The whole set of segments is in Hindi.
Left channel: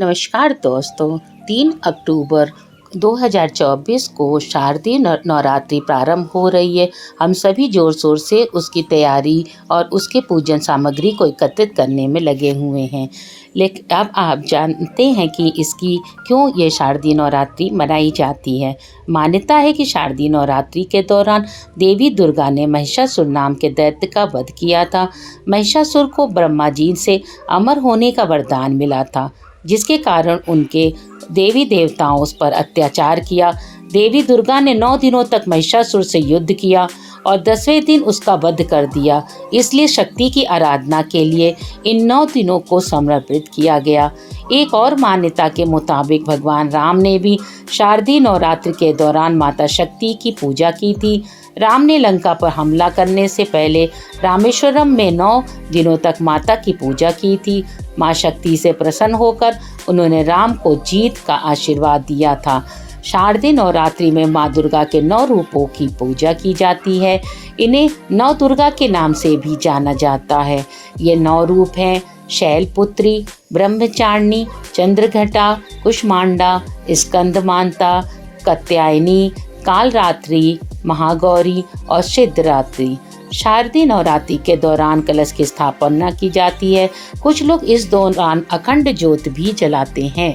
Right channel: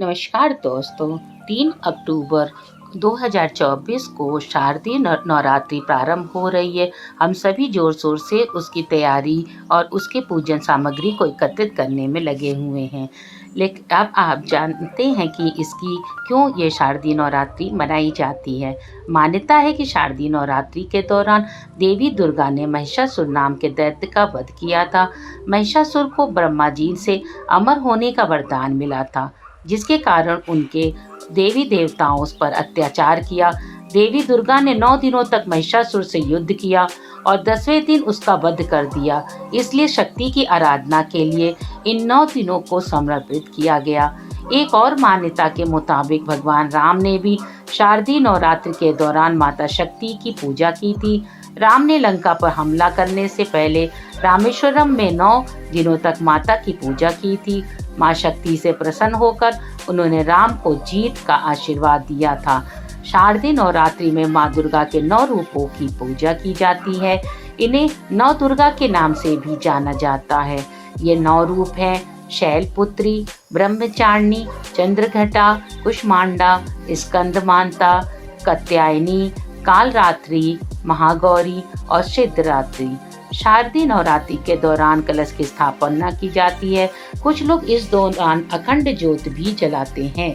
नमस्कार दोस्तों। 3 अक्टूबर 2024 को शारदीय नवरात्रि प्रारंभ हो रही है। हम सभी ज़ोर शोर से उसकी तैयारी और उसके पूजन सामग्री को एकत्रित करने में लगे हुए हैं। लेकिन अब आप जानते हैं कि इसकी क्यों ये शारदीय नवरात्रि मनाई जाती है। मान्यता है कि शारदीय नवरात्रि के दौरान देवी दुर्गा ने महिषासुर नाम के दैत्य का वध किया था। महिषासुर को ब्रह्मा जी से अमर होने का वरदान मिला था, जिसके कारण उनके देवी देवताओं उस पर अत्याचार किया। देवी दुर्गा ने 9 दिनों तक महिषासुर से युद्ध किया और 10वें दिन उसका वध कर दिया। इसलिए शक्ति की आराधना के लिए इन 9 दिनों को समर्पित किया गया। एक और मान्यता के मुताबिक भगवान राम ने भी शारदीय नवरात्रि के दौरान माता शक्ति की पूजा की थी। राम ने लंका पर हमला करने से पहले रामेश्वरम में 9 दिनों तक माता की पूजा की थी। माँ शक्ति से प्रसन्न होकर उन्होंने राम को जीत का आशीर्वाद दिया था। शारदीय नवरात्रि में माँ दुर्गा के 9 रूपों की पूजा की जाती है। इन्हें 9 दुर्गा के नाम से भी जाना जाता है। ये 9 रूप हैं: शैलपुत्री, ब्रह्मचारिणी, चंद्रघटा, कुष्मांडा, स्कंदमाता, कात्यायनी, कालरात्रि, महागौरी और सिद्धरात्रि। शारदीय नवरात्रि के दौरान कलश की स्थापना की जाती है। कुछ लोग इस दौरान अखंड ज्योत भी जलाते हैं।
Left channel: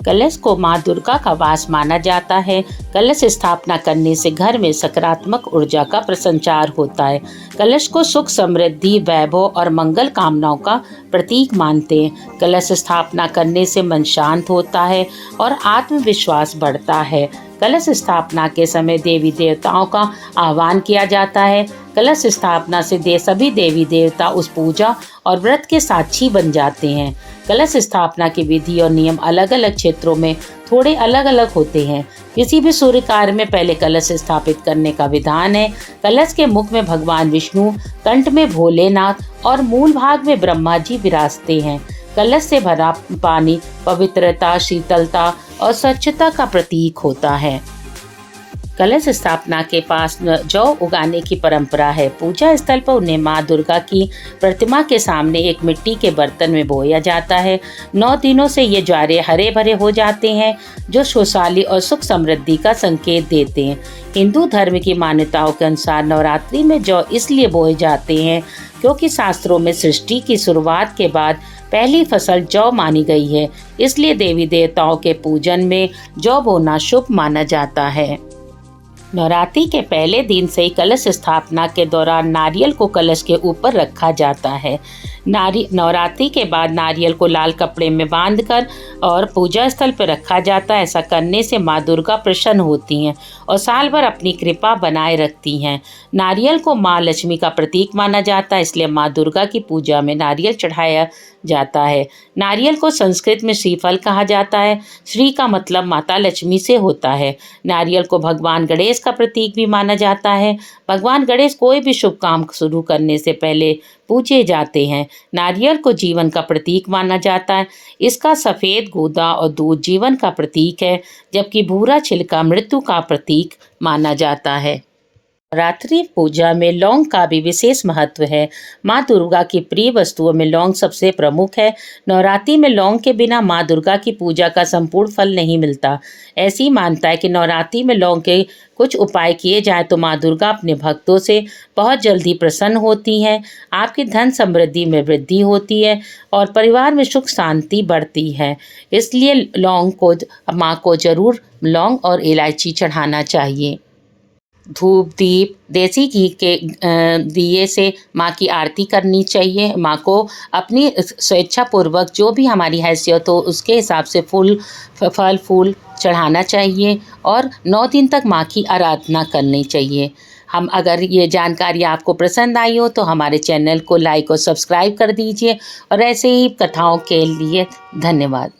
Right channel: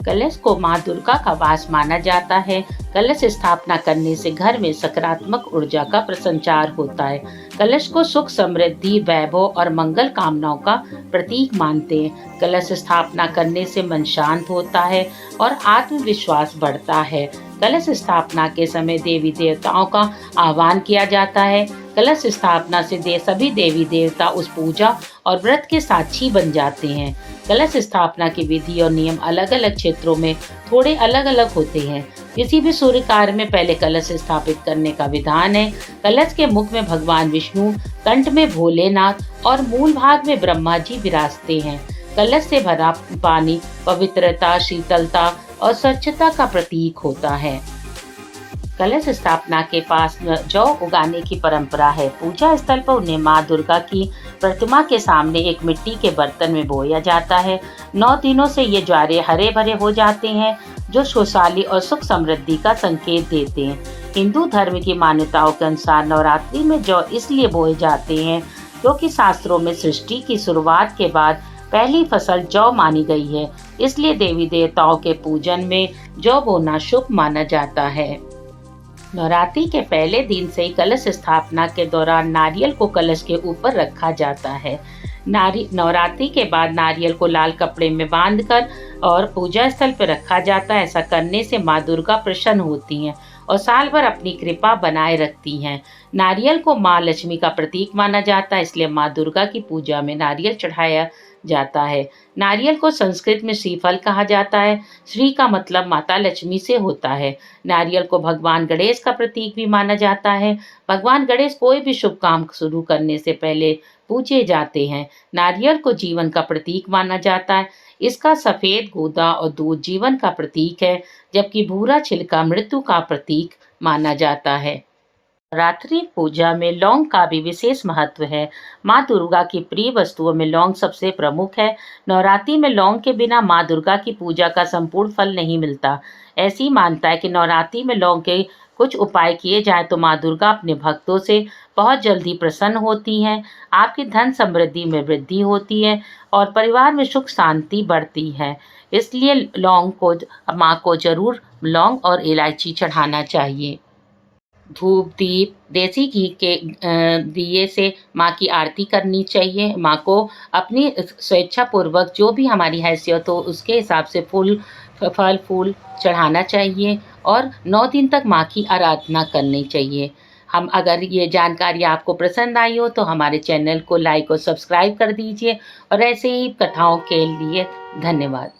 कलश को माँ दुर्गा का वास माना जाता है। कलश स्थापना करने से घर में सकारात्मक ऊर्जा का प्रसंचार होता है। कलश को सुख, समृद्धि, वैभव और मंगल कामनाओं का प्रतीक मानते हैं। कलश स्थापना करने से मन शांत होता है और आत्मविश्वास बढ़ता है। कलश स्थापना के समय देवी देवताओं का आह्वान किया जाता है। कलश स्थापना से सभी देवी देवता उस पूजा और व्रत के साक्षी बन जाते हैं। कलश स्थापना की विधि और नियम अलग अलग क्षेत्रों में थोड़े अलग अलग होते हैं। किसी भी सूर्य कार्य में पहले कलश स्थापित करने का विधान है। कलश के मुख में भगवान विष्णु, कंठ में भोलेनाथ और मूल भाग में ब्रह्मा जी विराजते हैं। कलश से भरा पानी पवित्रता, शीतलता और स्वच्छता का प्रतीक होता है। कलश स्थापना के पास जौ उगाने की परंपरा है। पूजा स्थल पर उन्हें माँ दुर्गा की प्रतिमा के सामने एक मिट्टी के बर्तन में बोया जाता है। 9 दिनों से ये ज्वारे हरे भरे हो जाते हैं, जो खुशहाली और सुख समृद्धि का संकेत देते हैं। हिंदू धर्म की मान्यताओं के अनुसार नवरात्रि में जौ इसलिए बोए जाते हैं क्योंकि शास्त्रों में सृष्टि की शुरुआत के बाद पहली फसल जौ मानी गई है। इसलिए देवी देवताओं के पूजन में जौ बोना शुभ माना जाता है। नवरात्रि के पहले दिन से ही कलश स्थापना के दौरान नारियल को कलश के ऊपर रखा जाता है। नवरात्रि के बाद नारियल को लाल कपड़े में बांधकर और पूजा स्थल पर रखा जाता है। ऐसा करने से माँ दुर्गा प्रसन्न होती हैं और साल भर अपनी कृपा बनाए रखती हैं। नारियल को माँ लक्ष्मी का प्रतीक माना जाता है, इसलिए माँ दुर्गा की पूजा में नारियल चढ़ाया जाता है। नारियल को संस्कृत में श्रीफल कहा जाता है। श्री का मतलब माता लक्ष्मी से होता है। नारियल को भगवान गणेश का प्रतीक भी माना जाता है। भगवान गणेश कोई भी शुभ काम शुरू करने से पहले पूजे जाते हैं। नारियल को जीवन का प्रतीक माना जाता है। इसका सफ़ेद गूदा और दूध जीवन का प्रतीक है, जबकि भूरा छिलका मृत्यु का प्रतीक माना जाता है। नवरात्रि पूजा में लौंग का भी विशेष महत्व है। माँ दुर्गा की प्रिय वस्तुओं में लौंग सबसे प्रमुख है। नवरात्रि में लौंग के बिना माँ दुर्गा की पूजा का संपूर्ण फल नहीं मिलता। ऐसी मान्यता है कि नवरात्रि में लौंग के कुछ उपाय किए जाएं तो माँ दुर्गा अपने भक्तों से बहुत जल्दी प्रसन्न होती हैं। आपकी धन समृद्धि में वृद्धि होती है और परिवार में सुख शांति बढ़ती है। इसलिए लौंग को माँ को जरूर लौंग और इलायची चढ़ाना चाहिए। धूप, दीप, देसी घी के दिए से माँ की आरती करनी चाहिए। माँ को अपनी स्वेच्छापूर्वक जो भी हमारी हैसियत हो उसके हिसाब से फल फूल चढ़ाना चाहिए और 9 दिन तक माँ की आराधना करनी चाहिए। अगर ये जानकारी आपको पसंद आई हो तो हमारे चैनल को लाइक और सब्सक्राइब कर दीजिए और ऐसे ही कथाओं के लिए धन्यवाद।